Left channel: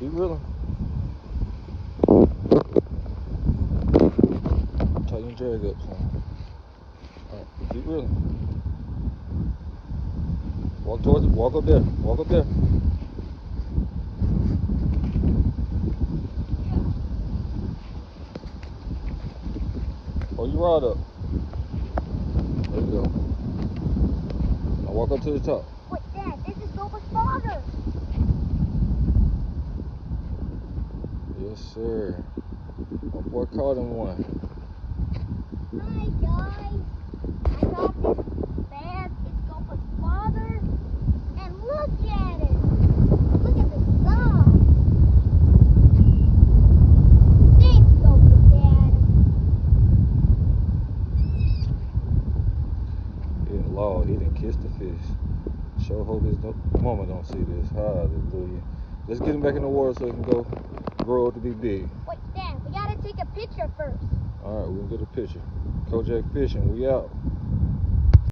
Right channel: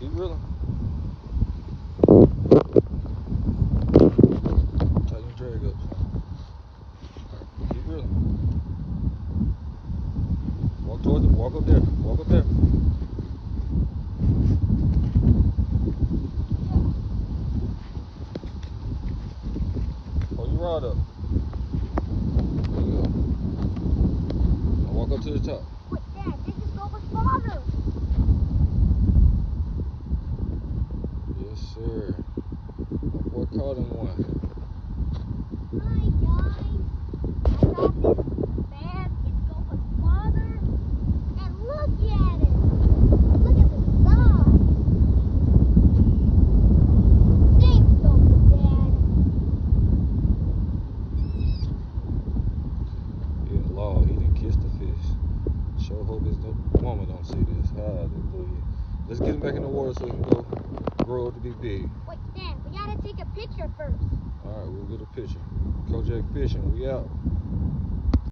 Keep reeling. Tighten your drag up. Alright, keep reeling. Walk towards it. Walk up there. Walk up there. Hold your rod up. There you go. Now walk up to the top. Wait, Dad, this is Nova's father. Yes, sir. My boy caught him one. Hi, guys. I got this bag. It's Nova's father. And look at it. Look at the size. Thanks, Nova's dad. He in law. He done kissed the fish. Sure hope his mama don't see this. Hallelujah. Let's get him back in the water so he can go grow up to be big. Wait, Dad, we gotta take a picture first. All right, we'll get a picture. Kojak Fishing, we out.